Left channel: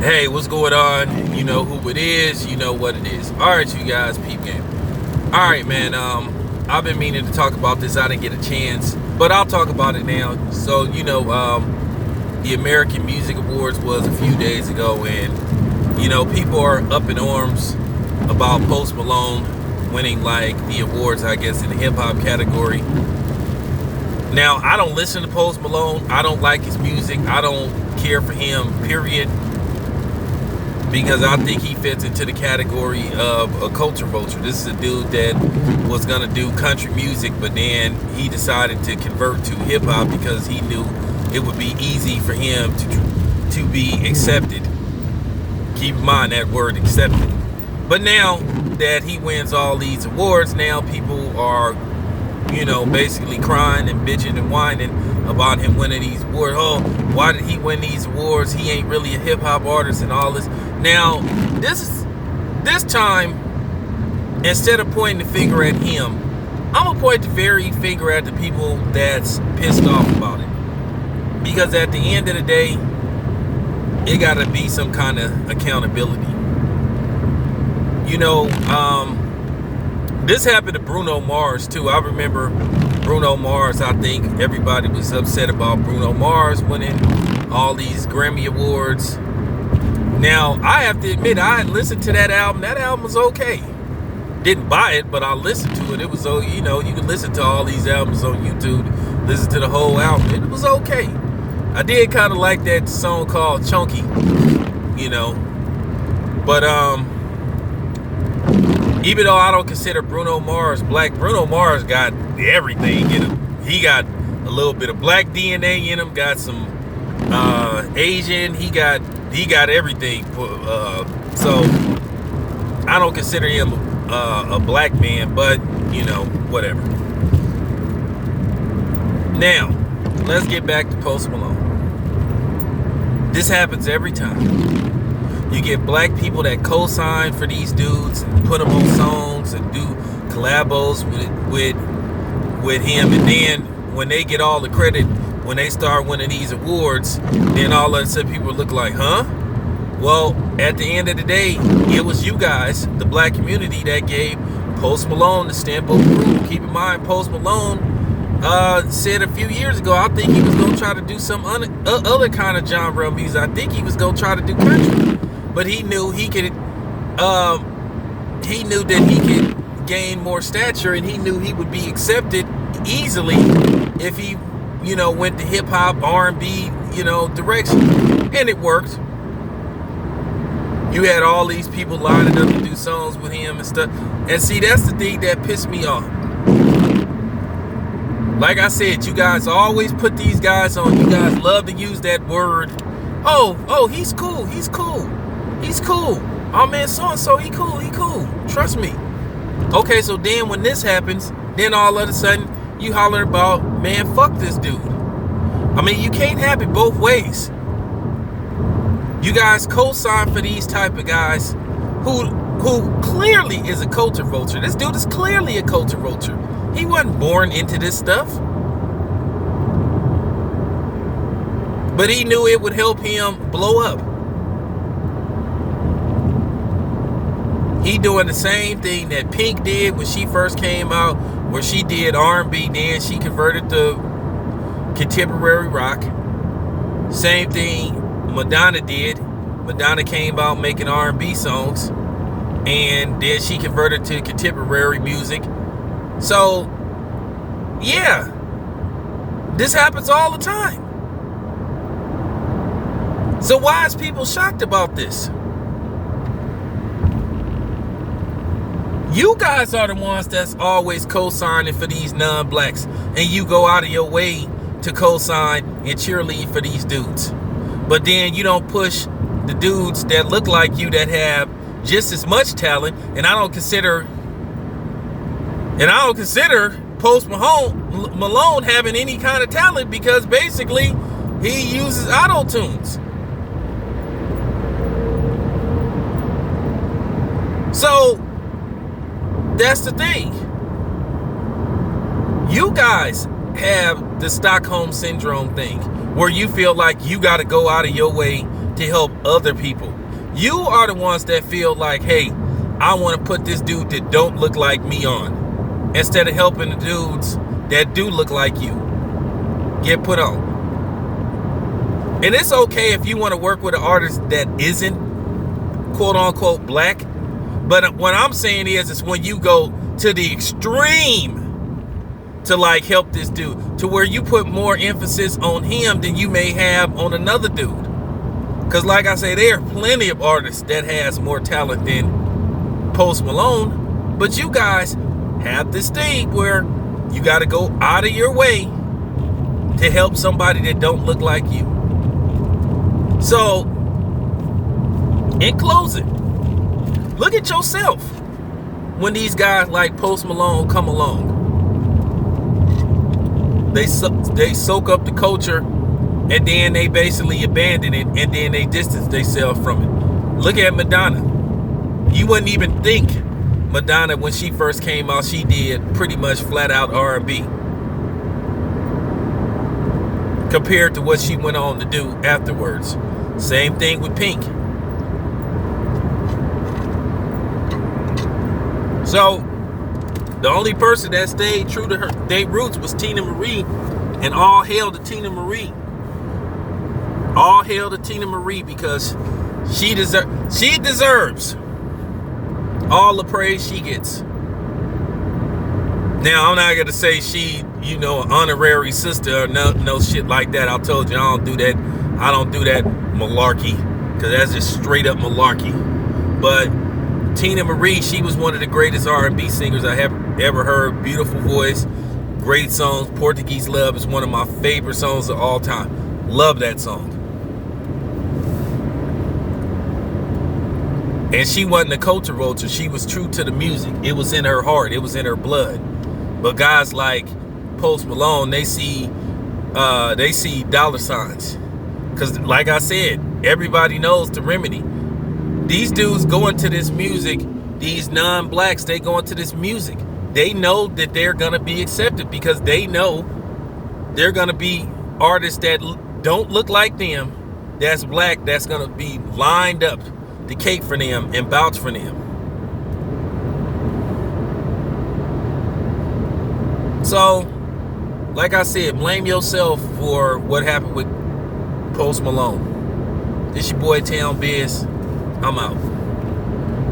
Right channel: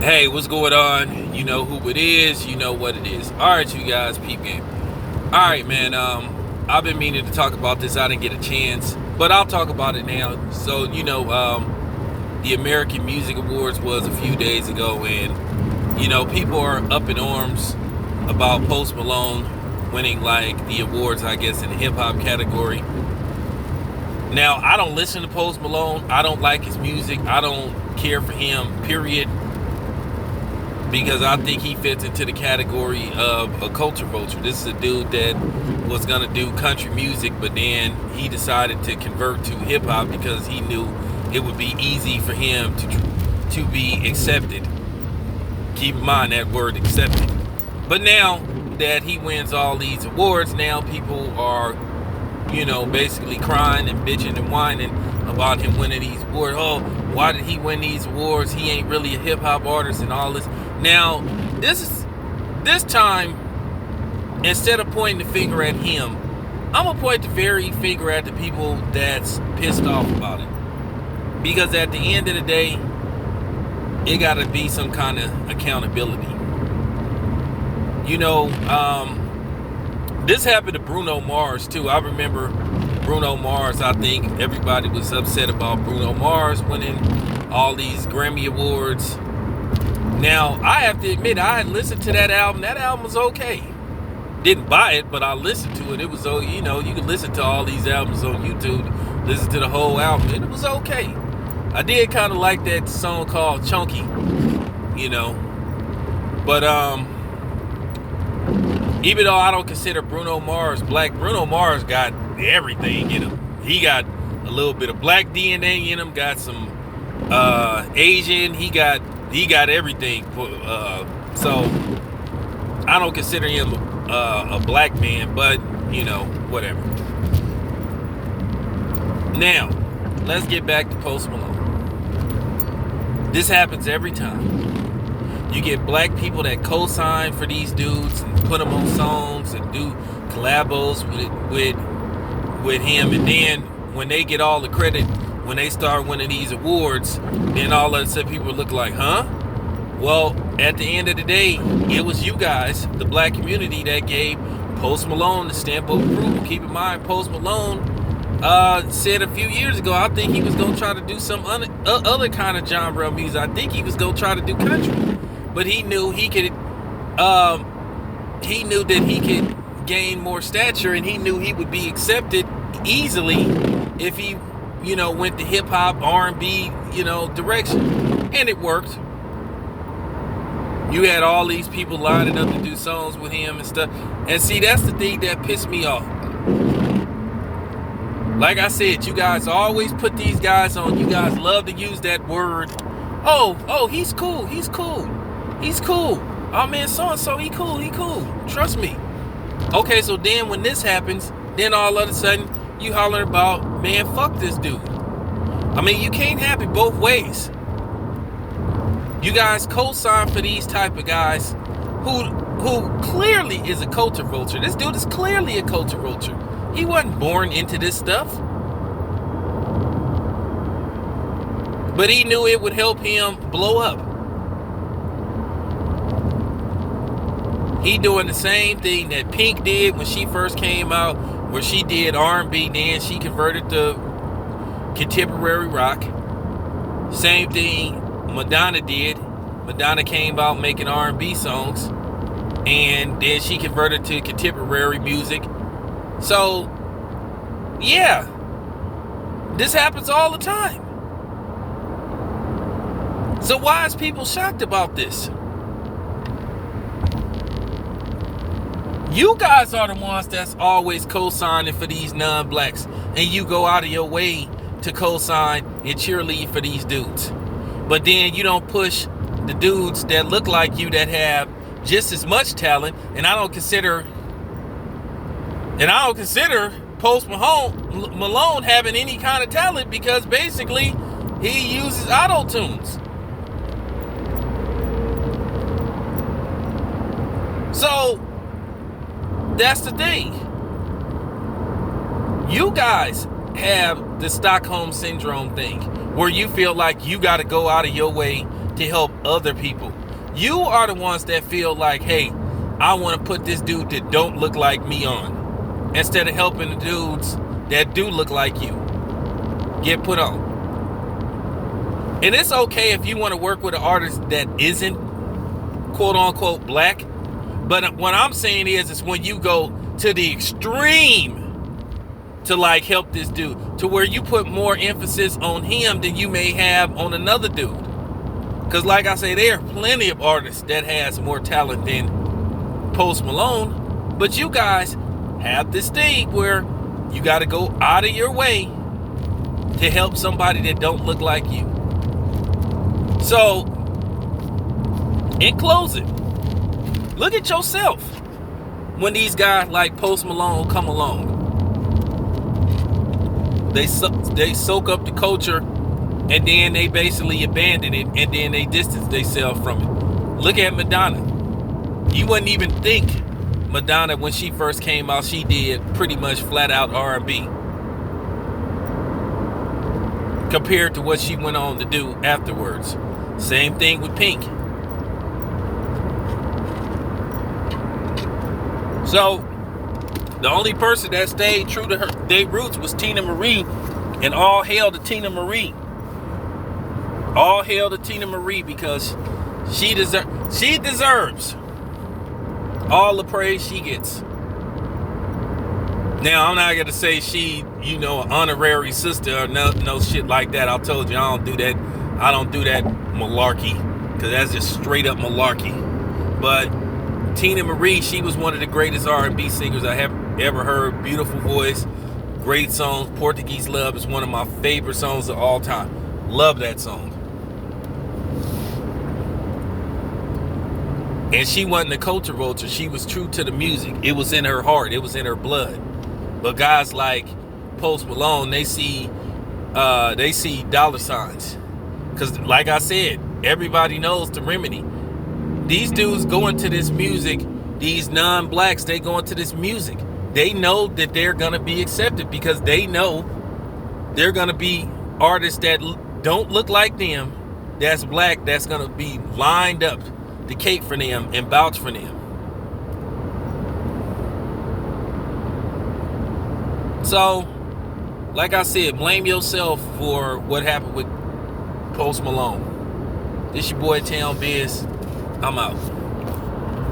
Hey, what's going on? You know who it is, you know what it is. Alright, you guys, peep game. Alright, man, I've been meaning to talk about this. I didn't get a chance, but I'll talk about it now. So, the American Music Awards was a few days ago, and people are up in arms about Post Malone winning like the awards, I guess, in the hip hop category. Now, I don't listen to Post Malone. I don't like his music. I don't care for him, period. Because I think he fits into the category of a culture vulture. This is a dude that was gonna do country music, but then he decided to convert to hip hop because he knew it would be easy for him to be accepted. Keep in mind that word, accepted. But now that he wins all these awards, now people are, basically crying and bitching and whining about him winning these awards. Oh, why did he win these awards? He ain't really a hip hop artist and all this. Now, this time, instead of pointing the finger at him, I'm gonna point the finger at the people that's pissed off about it. Because at the end of the day, it gotta be some kind of accountability. This happened to Bruno Mars too. I remember Bruno Mars. I think everybody was upset about Bruno Mars winning all these Grammy Awards. Now, I have to admit, I listened to that album. That album was okay. Didn't buy it, but I listened to it. It was, you can listen to all these albums on YouTube, listen to the whole album, and it was okay. I did kind of like that song called Chunky, But, even though I don't consider Bruno Mars black, Bruno Mars got everything in him. He got a little bit of black DNA in him, got some Asian, he got everything. So I don't consider him a black man, but whatever. Now, let's get back to Post Malone. This happens every time. You get black people that co-sign for these dudes and put them on songs and do collabos with him, and then when they get all the credit, when they start winning these awards, then all of a sudden people look like, huh? Well, at the end of the day, it was you guys, the black community, that gave Post Malone the stamp of approval. Keep in mind, Post Malone said a few years ago, I think he was going to try to do some other kind of genre of music. I think he was going to try to do country. But he knew he could, he knew that he could gain more stature, and he knew he would be accepted easily if he, went the hip hop, R&B, direction. And it worked. You had all these people lining up to do songs with him and stuff. And see, that's the thing that pissed me off. Like I said, you guys always put these guys on. You guys love to use that word. Oh, he's cool. He's cool. He's cool. Oh man, so-and-so, he cool. Trust me. Okay, so then when this happens, then all of a sudden you hollering about, man, fuck this dude. I mean, you can't have it both ways. You guys co-sign for these type of guys who clearly is a culture vulture. This dude is clearly a culture vulture. He wasn't born into this stuff. But he knew it would help him blow up. He doing the same thing that Pink did when she first came out, where she did R&B, then she converted to contemporary rock. Same thing Madonna did. Madonna came out making R&B songs, and then she converted to contemporary music. So, yeah, this happens all the time. So why is people shocked about this? You guys are the ones that's always co-signing for these non-blacks, and you go out of your way to co-sign and cheerlead for these dudes. But then you don't push the dudes that look like you, that have just as much talent. And I don't consider Post Malone having any kind of talent, because basically he uses auto-tunes. So that's the thing. You guys have the Stockholm Syndrome thing, where you feel like you got to go out of your way to help other people. You are the ones that feel like, hey, I want to put this dude that don't look like me on, instead of helping the dudes that do look like you get put on. And it's okay if you want to work with an artist that isn't quote unquote black. But what I'm saying is when you go to the extreme to like help this dude, to where you put more emphasis on him than you may have on another dude. Because like I say, there are plenty of artists that has more talent than Post Malone. But you guys have this thing where you got to go out of your way to help somebody that don't look like you. So, in closing, look at yourself when these guys like Post Malone come along. They soak up the culture, and then they basically abandon it, and then they distance themselves from it. Look at Madonna. You wouldn't even think Madonna, when she first came out, she did pretty much flat out R&B compared to what she went on to do afterwards. Same thing with Pink. So the only person that stayed true to their roots was Tina Marie, and all hail to Tina Marie. All hail to Tina Marie, because she deserves all the praise she gets. Now, I'm not gonna say she, an honorary sister or no shit like that. I told you I don't do that. I don't do that malarkey, because that's just straight up malarkey. But Tina Marie, she was one of the greatest R&B singers I have ever heard. Beautiful voice, great songs. Portuguese Love is one of my favorite songs of all time. Love that song. And she wasn't a culture vulture. She was true to the music. It was in her heart. It was in her blood. But guys like Post Malone, they see dollar signs. Because like I said, everybody knows the remedy. These dudes go into this music, these non-blacks, they go into this music. They know that they're going to be accepted, because they know they're going to be artists that don't look like them, that's black, that's going to be lined up to cake for them and vouch for them. So, like I said, blame yourself for what happened with Post Malone. This your boy Town Biz. I'm out.